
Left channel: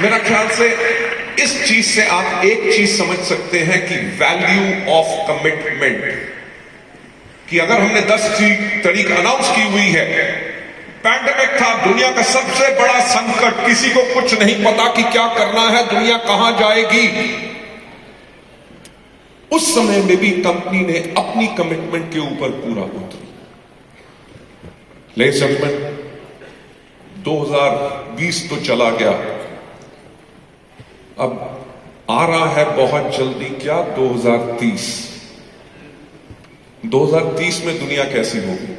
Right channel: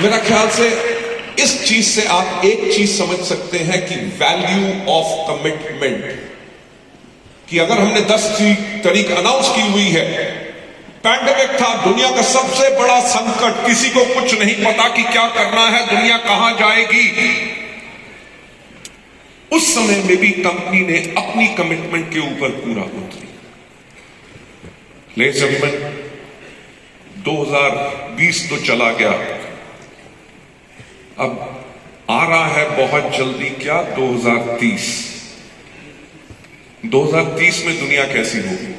मेरा ख्याल से इस चीज से आप एक चीज समझ सकते हैं कि वैल्यू ऑफ कमिटमेंट, कि अगर हमने 10 तारीख अनाउंस की हुई है, पैंडेमिक था, दुनिया का सबसे बड़ा संकट, किसी को कुछ नहीं पता कि क्या करना है, दुनिया कहां जाएगी। उस समय में भी कंपनी ने अपनी कमिटमेंट के ऊपर पूरा उतरी। लेडीज एंड जेंटलमैन, 2020 तो चला गया, अब आ रहा है बहुत जल्दी क्या 2030। 2030 में दुनिया कैसी होगी?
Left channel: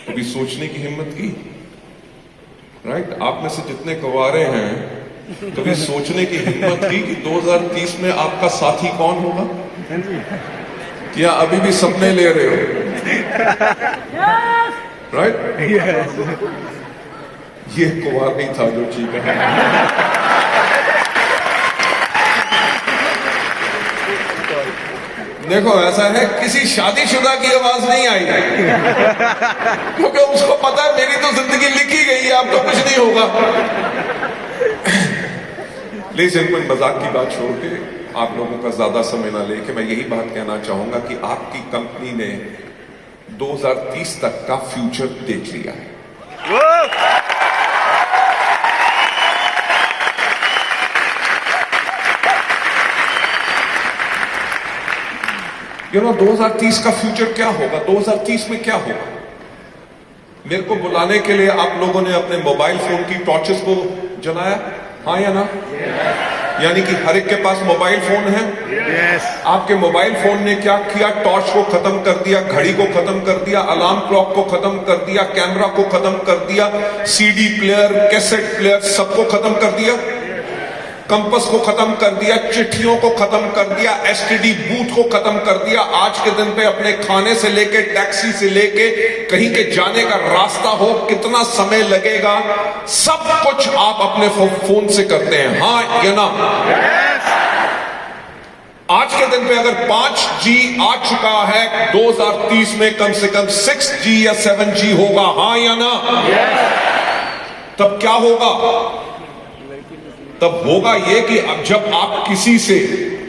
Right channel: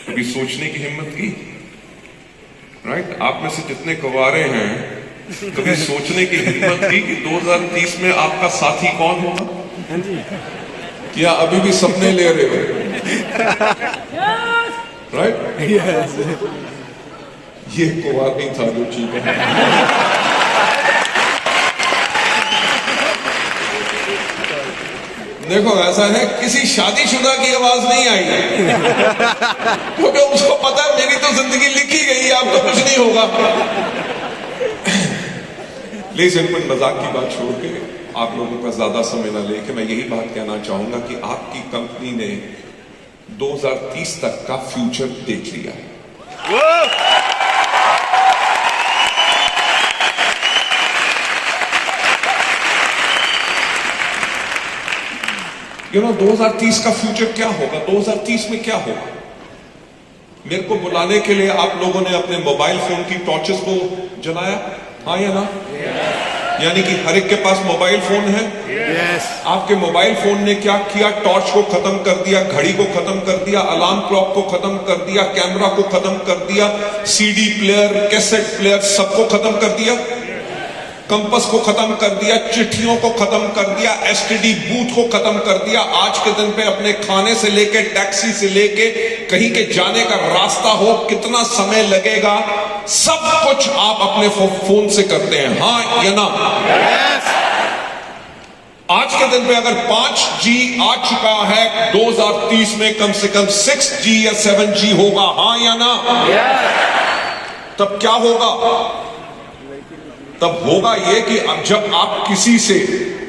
कभी सोचने की हिम्मत की? राइट? आप में से जितने गवारे हैं, कभी सोचने की हिम्मत की कि 2030 में आपका साथी कौन होगा? क्या अभी भी सपने ले रहे हो? राइट? ये कुंवार नहीं था जो चीज है। देखो ऐसा है, किसी शादीशुदा की आवाज नहीं आई, क्योंकि उसको पता है मेरी तो जिंदगी लिखी गई है, आपका कुछ नहीं होगा। लेकिन मजाक की बात छोड़ के आप लोगों का ज्यादा समय ना लेके मैं यही बात कहना चाहूंगा कि आपकी कंपनी ने 2030 तक का फ्यूचर देख लिया है। You know, 2030 का फ्यूचर क्या होगा? 2030 में क्या होगा? मेरे को बुलाने के लिए आप लोगों ने अपने मोबाइल फोन की टॉर्चेस को जलाया, हाँ या ना? यानी कि हर एक के पास मोबाइल फोन है। आपके मोबाइल फोन ने क्या किया? टॉर्च को खत्म कर दिया, घड़ी को खत्म कर दिया, अलार्म क्लॉक को खत्म कर दिया, कैमरा को खत्म कर दिया, सीडी प्लेयर, कैसेट प्लेयर सबको खत्म कर दिया, कंपस को खत्म कर दिया, चिट्ठियों को खत्म कर दिया, एसटीडी बूथ को खत्म कर दिया। आज के दिन पे अपने खाने से लेके, टैक्सी से लेके, कहीं के जाने का रास्ता हो, कितना समय लगेगा, सब कुछ आप अपने फोन से करते हैं, हाँ या ना? आज के दिन पे अगर 5G आ चुका है, 2030 में कम से कम 6G या 7G होगा, हाँ या ना? तब क्या होगा? तब होगा ये कि अब जब आप किसी से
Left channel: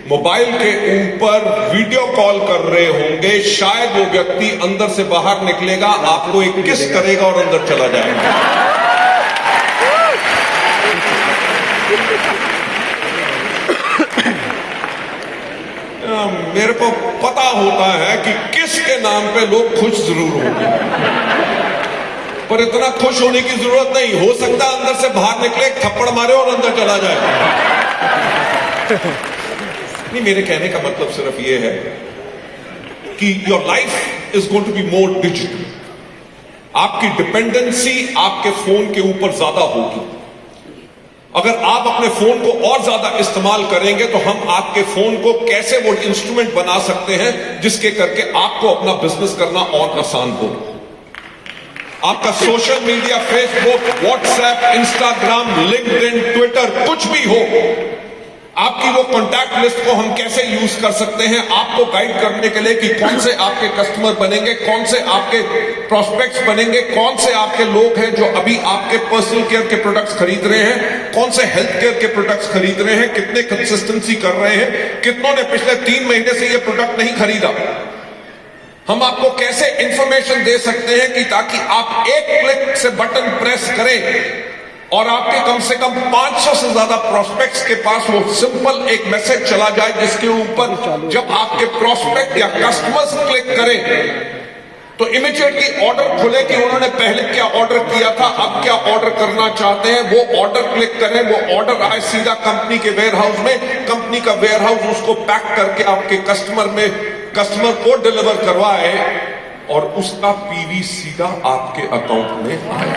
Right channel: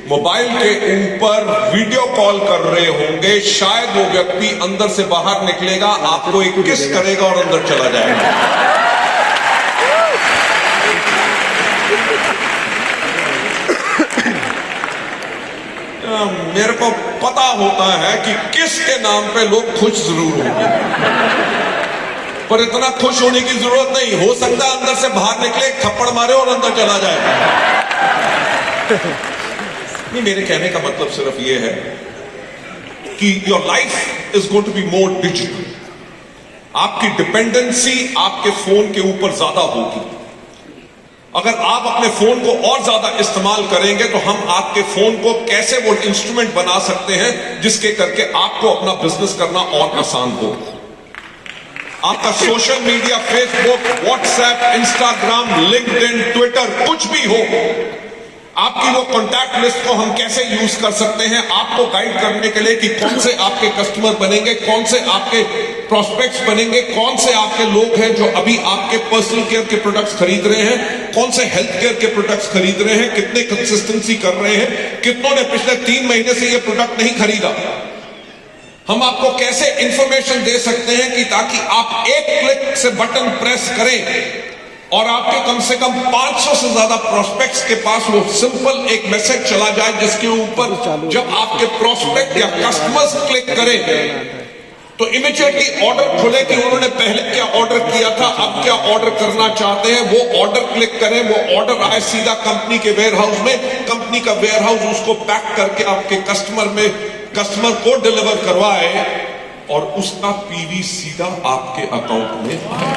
मोबाइल के ऊपर वीडियो कॉल कर रहे होंगे, शायद वो व्यक्ति अंदर से बाहर निकलेगा, आपको एक किस करेगा और अंदर चला जाएगा। मेरे को पता होता है कि किस के नाम पे लोग खुश जरूर होंगे, पर इतना खुश होने की जरूरत नहीं। हो सकता है अंदर से बाहर निकले, थप्पड़ मारे और अंदर चला जाए। नहीं, मेरे कहने का मतलब सिर्फ ये है कि your life is going to be more digital. आपकी डिपेंडेंसी आपके फोन के ऊपर ज्यादा होगी। अगर आप अपने फोन को और ज्यादा इस्तेमाल करेंगे तो हम आपके फोन को कैसे वो इंस्ट्रूमेंट बना सकते हैं जिसके करके आपको अपना बिजनेस करना और आसान हो। आपका social media, Facebook, WhatsApp, Instagram, LinkedIn, Twitter, कुछ भी हो, आपकी वो कॉन्टैक्ट लिस्ट को हम कैसे यूज कर सकते हैं आपको गाइड करने के लिए कि कौन से आपके कस्टमर बनेंगे, कौन से आपके प्रोस्पेक्ट्स बनेंगे, कौन से आपके लोग हैं जो अभी आपके पर्सनल केयर के प्रोडक्ट्स खरीद रहे हैं, कौन से हेल्थ केयर के प्रोडक्ट्स खरीद रहे हैं, कितने कंसिस्टेंसी कर रहे हैं, कितनों ने पिछले 3 महीने से ये प्रोडक्ट नहीं खरीदा। हम आपको कैसे इंफॉर्मेशन दे सकते हैं कि ताकि आप एक क्लिक से बटन प्रेस करें और आपके कम से कम 500 से ज्यादा प्रोस्पेक्ट्स के पास वो सिंपल एक मैसेज चला जाए जिसके ऊपर जब आपके प्रोस्पेक्ट या कस्टमर्स क्लिक करें तो इमीडिएटली ऑर्डर खुले कि उन्होंने पहले क्या ऑर्डर किया था, अब क्या ऑर्डर करना चाहते हैं, वो ऑर्डर क्लिक करें, वो ऑर्डर आए सीधा कंपनी के वेयरहाउस में, कंपनी का वेयरहाउस उसको पैक करके आपके कस्टमर को डिलीवर करवाए और उसका पीवी सीधा आपके अकाउंट में आए।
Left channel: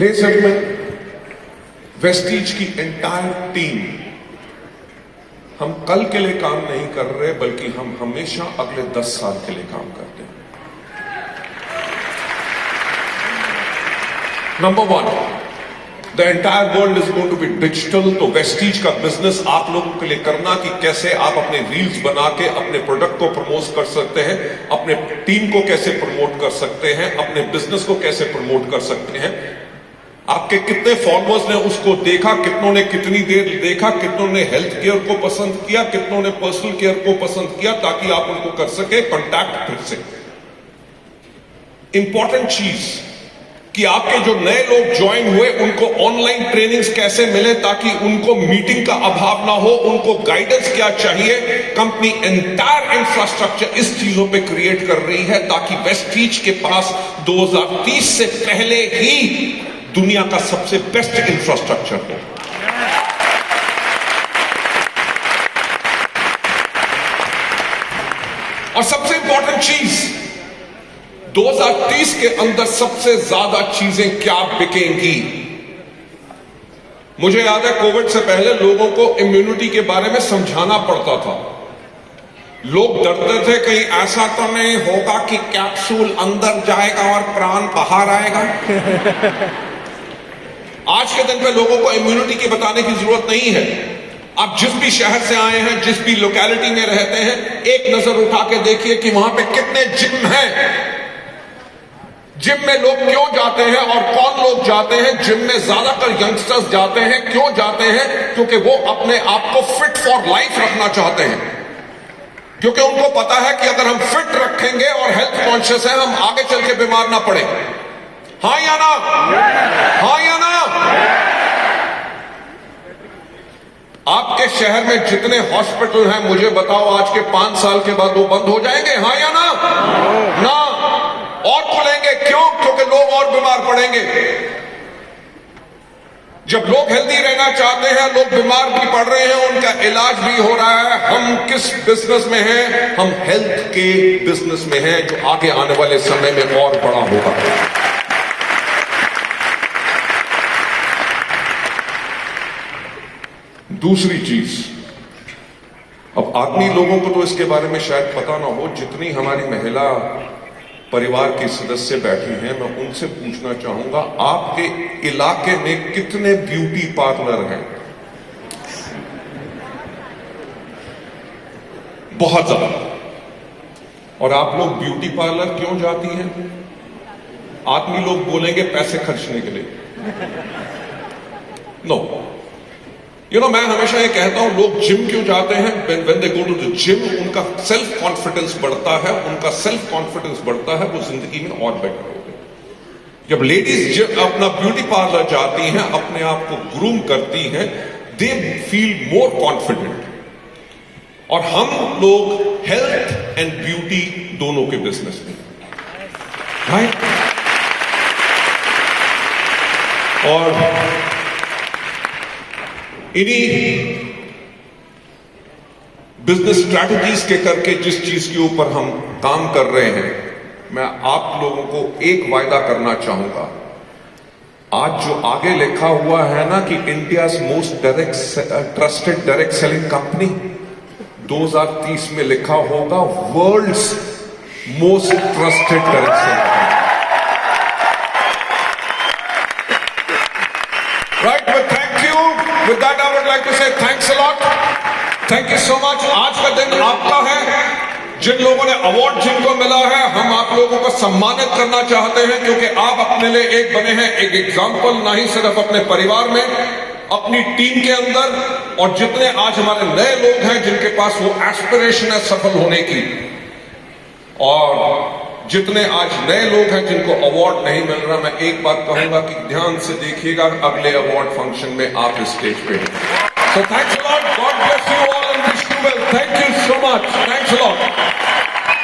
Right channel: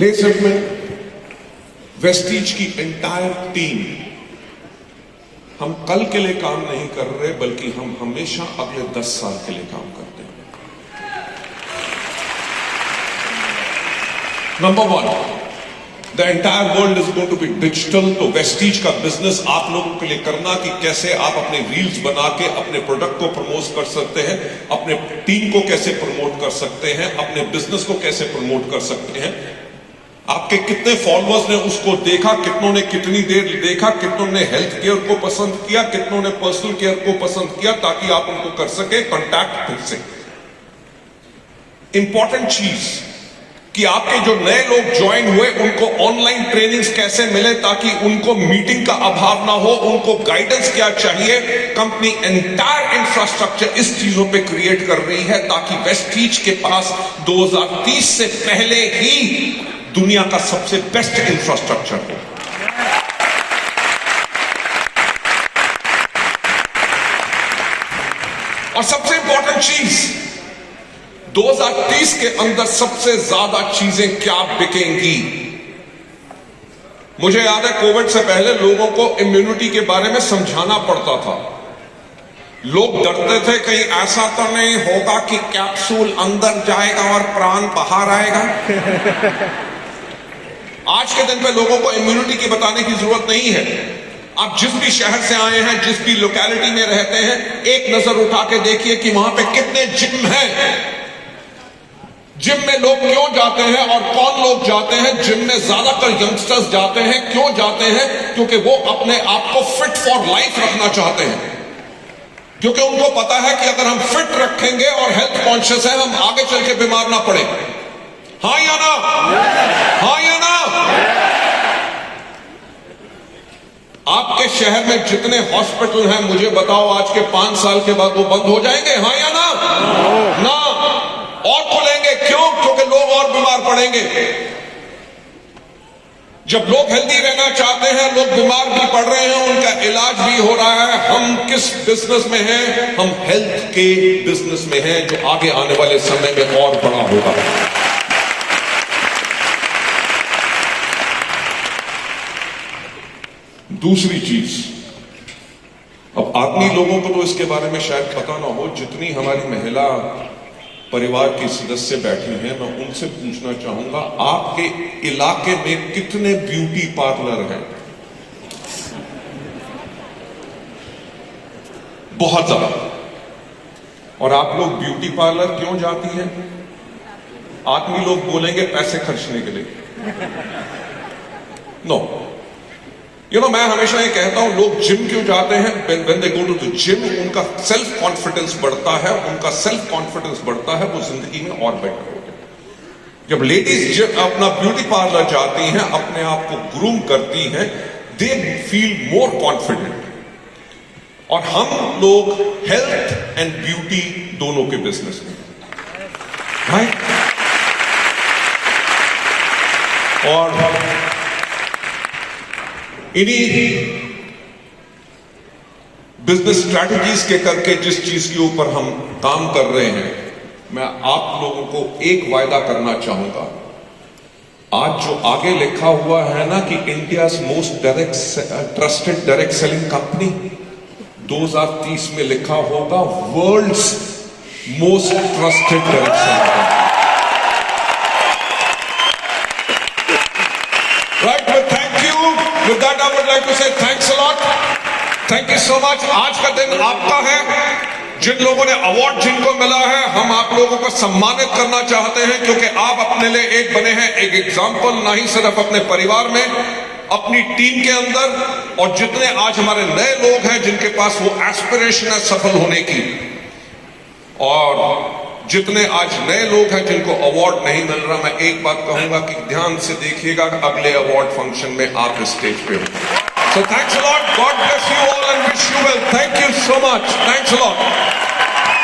लेडीज एंड जेंटलमैन, वेस्टीज की एंटायर टीम हम कल के लिए काम नहीं कर रहे बल्कि हम हमेशा अगले 10 साल के लिए काम करते हैं। Number 1, the entire world is going to be digital. तो वेस्टीज का बिजनेस आप लोगों के लिए करना कि कैसे आप अपने रील्स बना के अपने प्रोडक्ट को प्रमोट कर सकते हैं, अपने टीम को कैसे प्रमोट कर सकते हैं, अपने बिजनेस को कैसे प्रमोट कर सकते हैं, आपके कितने फॉलोअर्स ने उसको देखा, कितनों ने कितनी देर देखा, कितनों ने हेल्थ केयर को पसंद किया, कितनों ने पर्सनल केयर को पसंद किया, ताकि आप उनको कर सके कॉन्टैक्ट कर सके। इंपॉर्टेंट चीज, कि आपके जो नए लोग ज्वाइन हुए उनको ऑनलाइन ट्रेनिंग्स कैसे मिले ताकि उनको मीटिंग का अभाव ना हो, उनको गाइडेंस क्या चाहिए। कंपनी एंटायर इंफ्रास्ट्रक्चर इस चीजों पे क्रिएट कर रही है ताकि वेस्टीज के पास 2030 से पहले ही दुनिया का सबसे बेस्ट इंफ्रास्ट्रक्चर है। और सबसे इंपॉर्टेंट चीज, 2030 के अंदर सबसे ज्यादा चीजें क्या बिकेंगी। मुझे याद है कोविड से पहले लोगों को इम्यूनिटी के बारे में समझाना पड़ता था। लोग डरते थे कहीं ऐसा तो नहीं होगा कि कैप्सूल अंदर जाएगा और प्राण बाहर आएगा। आज के दिन पे लोगों को इम्यूनिटी की बताने की जरूरत नहीं है। आप जिस भी शहर से आए हैं, जिस भी लोकेलिटी में रहते हैं, एक नजर उठा के देखिए कि वहां पे कितने जिम हैं। जिम में लोग क्यों जाते हैं और कौन लोग जाते हैं? जिम में ज्यादातर यंगस्टर्स जाते हैं। क्यों जाते हैं? क्योंकि वो अपने आप को फिट फॉर लाइफ रखना चाहते हैं, क्योंकि उनको पता है कि अगर हम फिट रखेंगे और हेल्थ कॉन्शियस है, हम आगे चल के बीमार ना पड़े। हाँ या ना? हाँ या ना? आपके शहर में जितने हॉस्पिटल हैं, मुझे बताओ आज के 5 साल के बाद वो बंद हो जाएंगे? हाँ या ना? ना, और खुलेंगे। क्यों? क्योंकि लोग और बीमार पड़ेंगे। जब लोग हेल्दी रहना चाहते हैं, लोग बीमार भी पड़ रहे हैं, उनका इलाज भी हो रहा है। हम किस बिजनेस में हैं? हम हेल्थ के बिजनेस में हैं, जो आगे आने वाले समय में और बड़ा होगा। दूसरी चीज, अब आदमी लोगों को तो इसके बारे में शायद पता ना हो, जितनी हमारी महिला परिवार के सदस्य बैठे हैं, मैं उनसे पूछना चाहूंगा, आपके इलाके में कितने ब्यूटी पार्लर हैं? बहुत ज्यादा। और आप लोग ब्यूटी पार्लर क्यों जाती हैं? आदमी लोग बोलेंगे पैसे खर्चने के लिए। नो, मैं हमेशा ये कहता हूं, लोग जिम क्यों जाते हैं? when they go to the gym, उनका सेल्फ कॉन्फिडेंस बढ़ता है। उनका सेल्फ कॉन्फिडेंस बढ़ता है, वो जिंदगी में और बेटर होते हैं। जब लेडीज अपना ब्यूटी पार्लर जाती हैं, अपने आप को ग्रूम करती हैं, दे फील मोर कॉन्फिडेंट। और हम लोग हेल्थ एंड ब्यूटी दोनों के बिजनेस में, राइट? और इन्हीं बिजनेस स्ट्रैटेजीज के करके जिस चीज के ऊपर हम काम कर रहे हैं, मैं आप लोगों को एक वायदा करना चाहूंगा। आज जो आगे लिखा हुआ है ना कि India's most trusted direct selling company, 2030 में लिखा होगा world's most trusted direct selling company. Right, but thank you. With that, I would like to say thanks a lot. Thank you so much. आज का दिन आपका है। जिन लोगों ने अवार्ड जिनको मिला है, हम आप लोगों को सम्मानित करना चाहते हैं, क्योंकि आप अपने लिए एक बने हैं, एक एग्जाम्पल, ना ही सिर्फ अपने परिवार में, अपनी टीम के अंदर, और जितने आज हमारे नए लोग हैं जिनके पास वो एस्पिरेशन है सफल होने की, और जितने आज नए लोग हैं जिनको अवार्ड नहीं मिल रहा, मैं एक बात कहूंगा कि ध्यान से देखिएगा, अगले अवार्ड फंक्शन में आप इस स्टेज पे हैं। So thanks a lot. God bless you all and wish you well. Thank you so much. Thanks a lot.